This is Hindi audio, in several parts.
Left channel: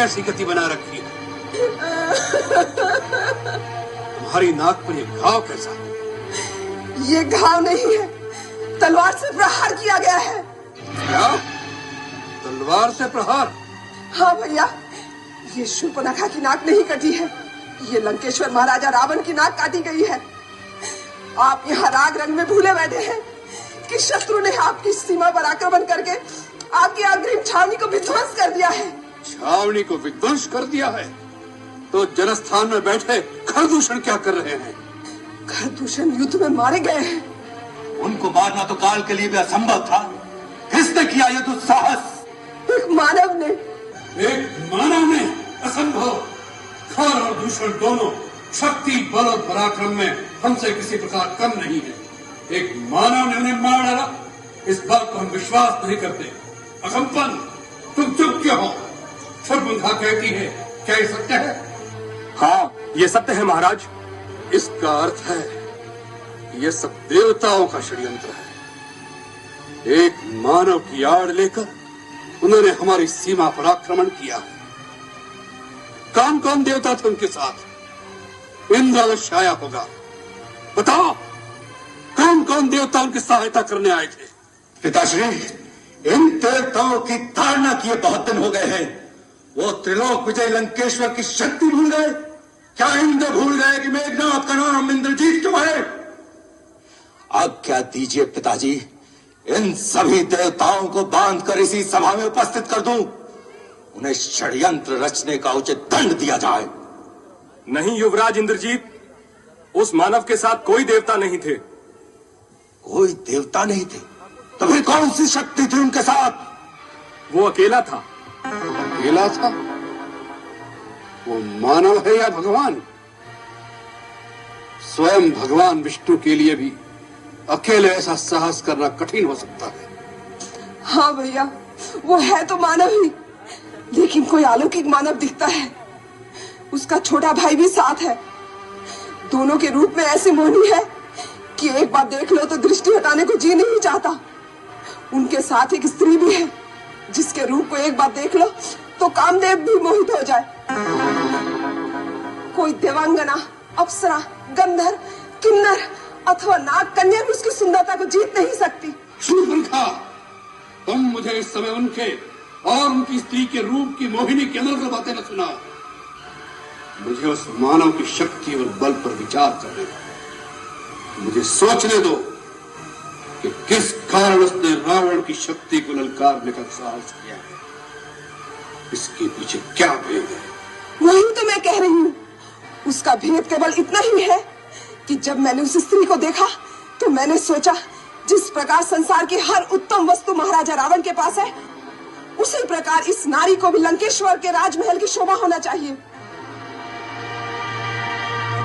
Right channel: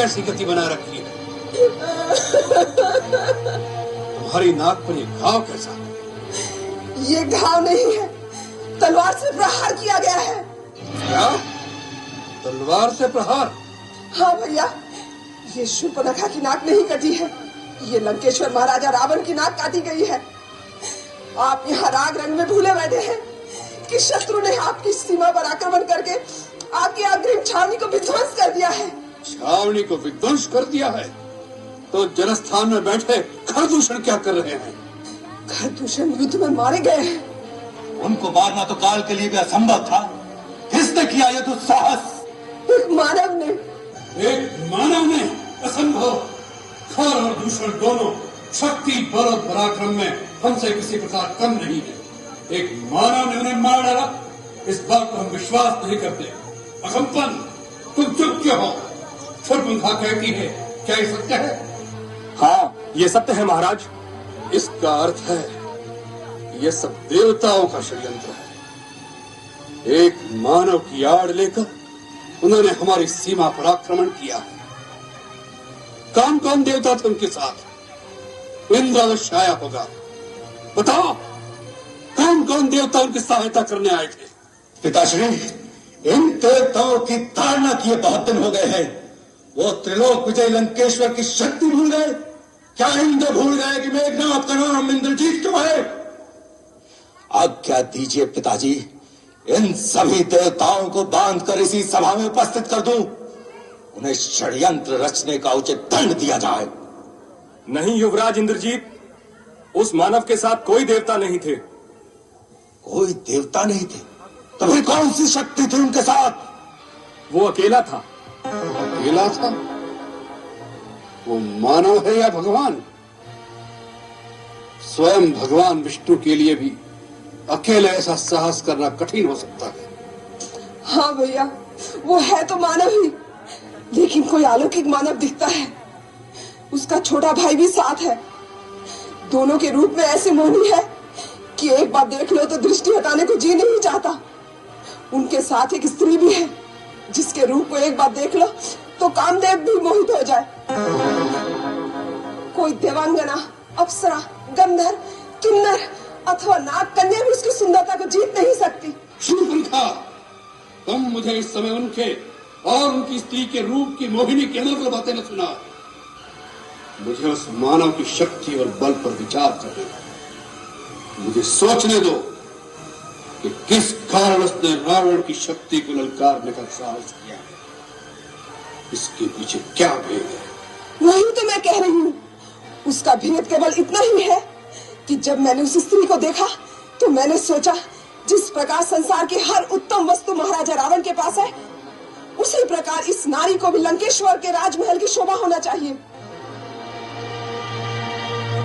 कैसी गति बना रखी है? तुम्हारी नाक पर ये घाव कैसा है? ये घाव नहीं है, तलवार से प्रहार किया गया है। क्या? तलवार से प्रहार? हाँ भैया, ये शूर्पणखा की नाक नहीं कटी है, ये लंकेश्वर महाराजा रावण की नाक काटी गई है। आप यहाँ राग रंग में भूले बैठे हैं कि शत्रु ने आपकी सीमा पर आक्रमण करके आपकी अग्रिम छावनी को विध्वंस कर दिया है। छावनी को विध्वंस कर दिया है? तो जनस्थान में बैठे खरदूषण क्या कर रहे हैं? खरदूषण युद्ध में मारे गए हैं। उनको मारना तो काल के लिए भी असंभव था। किसने किया ये दुस्साहस? एक मानव ने। एक मानव ने? असंभव। खर और दूषण दोनों शक्ति, बल और पराक्रम में हमसे किसी प्रकार कम नहीं है। एक मानव ने उन्हें मार डाला, इस बात पर हम विश्वास नहीं करते। असंपन्न, तुम चुप क्यों हो? शूर्पणखा कहती है, क्या ये सत्य है? हाँ, ये सत्य है महाराज। इसका अर्थ है ये सब देवताओं का षड्यंत्र है। एक मानव की आड़ लेकर उन्होंने हमारी सीमा पर आक्रमण किया है। कौन कौन देवता थे उनके साथ? इंद्र अवश्य आया होगा। बताओ, कौन कौन देवता उनकी सहायता करने आए थे? पिताश्री, इन देवताओं की ताड़ना किए बहुत दिन हो गए हैं। वो त्रिलोक विजय लंकेश्वर की शक्ति भूल गए? क्या इंद्र भूल गए कि मेघनाथ का नाम इंद्रजीत तो है? आज्ञा दीजिए पिताजी, इन सभी देवताओं को बांधकर इसी सभा में उपस्थित कर दूं। उन्हें षड्यंत्र रचने का उचित दंड दिया जाए। नहीं युवराज इंद्रजीत, उस मानव के साथ कोई देवता नहीं थे। कोई देवता नहीं थे? तभी कौन सी शक्ति थी उनके साथ? वो अकेला था। अकेला था? वो मानव है या भगवान? स्वयं भगवान विष्णु के लिए भी अकेले ऐसा साहस करना कठिन हो सकता है। हाँ भैया, वो है तो मानव ही, लेकिन कोई अलौकिक मानव दिखता है। उसका छोटा भाई भी साथ है। दोनों के रूप में ऐसे मोहनी है कि एक बार देख लो तो दृष्टि हटाने को जी नहीं चाहता। उनके साथ एक स्त्री भी है, जिसके रूप को एक बार देख लो तो कामदेव भी मोहित हो जाए। कोई देवांगना, अप्सरा, गंधर्व, किन्नर अथवा नाग कन्या भी उसकी सुंदरता को जीत नहीं सकती। शूर्पणखा, तुम मुझे इस समय उनके और उनकी स्त्री के रूप की मोहिनी के अनुरूप बातें न सुनाओ। मुझे उस मानव की शक्ति और बल पर विचार करने दो। मुझे सोचने दो कि किस कारण उसने रावण की शक्ति को ललकारने का साहस किया है। इसके पीछे क्या भेद है? वही तो मैं कह रही हूँ। उसका भेद केवल इतना ही है कि जब मैंने उस स्त्री को देखा तो मैंने सोचा, जिस प्रकार संसार की हर उत्तम वस्तु महाराजा रावण के पास है, उसी प्रकार इस नारी को भी लंकेश्वर के राजमहल की शोभा होना चाहिए।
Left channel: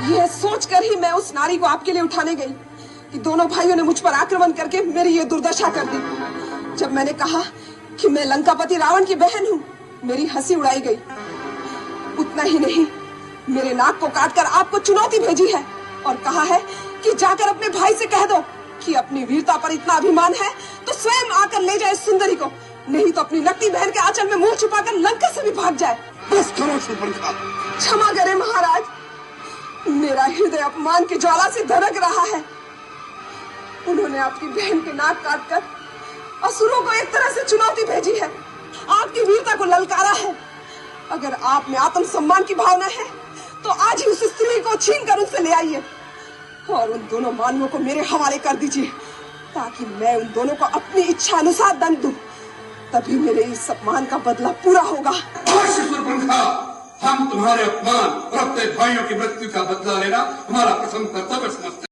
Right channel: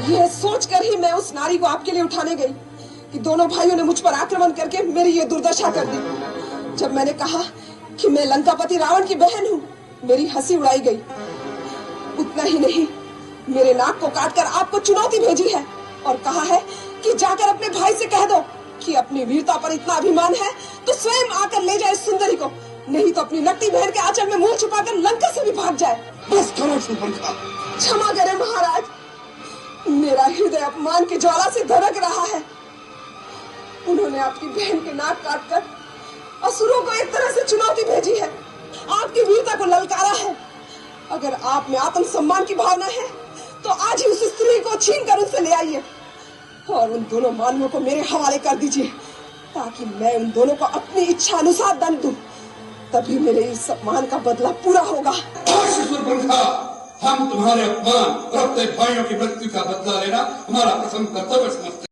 यह सोचकर ही मैं उस नारी को आपके लिए उठाने गई कि दोनों भाइयों ने मुझ पर आक्रमण करके मेरी ये दुर्दशा कर दी। जब मैंने कहा कि मैं लंकापति रावण की बहन हूँ, मेरी हंसी उड़ाई गई। उतना ही नहीं, मेरे नाक को काटकर आपको चुनौती भेजी है और कहा है कि जाकर अपने भाई से कह दो कि अपनी वीरता पर इतना अभिमान है तो स्वयं आकर ले जाए सुंदरी को, नहीं तो अपनी लड़की बहन के आंचल में मुंह छिपाकर लंका से भी भाग जाए। बस करो शूर्पणखा। क्षमा करें महाराज, मेरा हृदय अपमान की ज्वाला से धड़क रहा है। उन्होंने आपकी बहन के नाक काटकर असुरों को एक तरह से चुनौती भेजी है, आपकी वीरता को ललकारा है। अगर आप में आत्म सम्मान की भावना है तो आज ही उस स्त्री को छीन कर उनसे ले आइए और उन दोनों मानवों को मेरे हवाले कर दीजिए, ताकि मैं उन दोनों को अपनी इच्छा अनुसार दंड दूं। तभी मेरे इस अपमान का बदला पूरा होगा। शूर्पणखा, हम तुम्हारे अपमान और अपने भाइयों की मृत्यु का बदला लेना हमारा प्रथम कर्तव्य समझते हैं।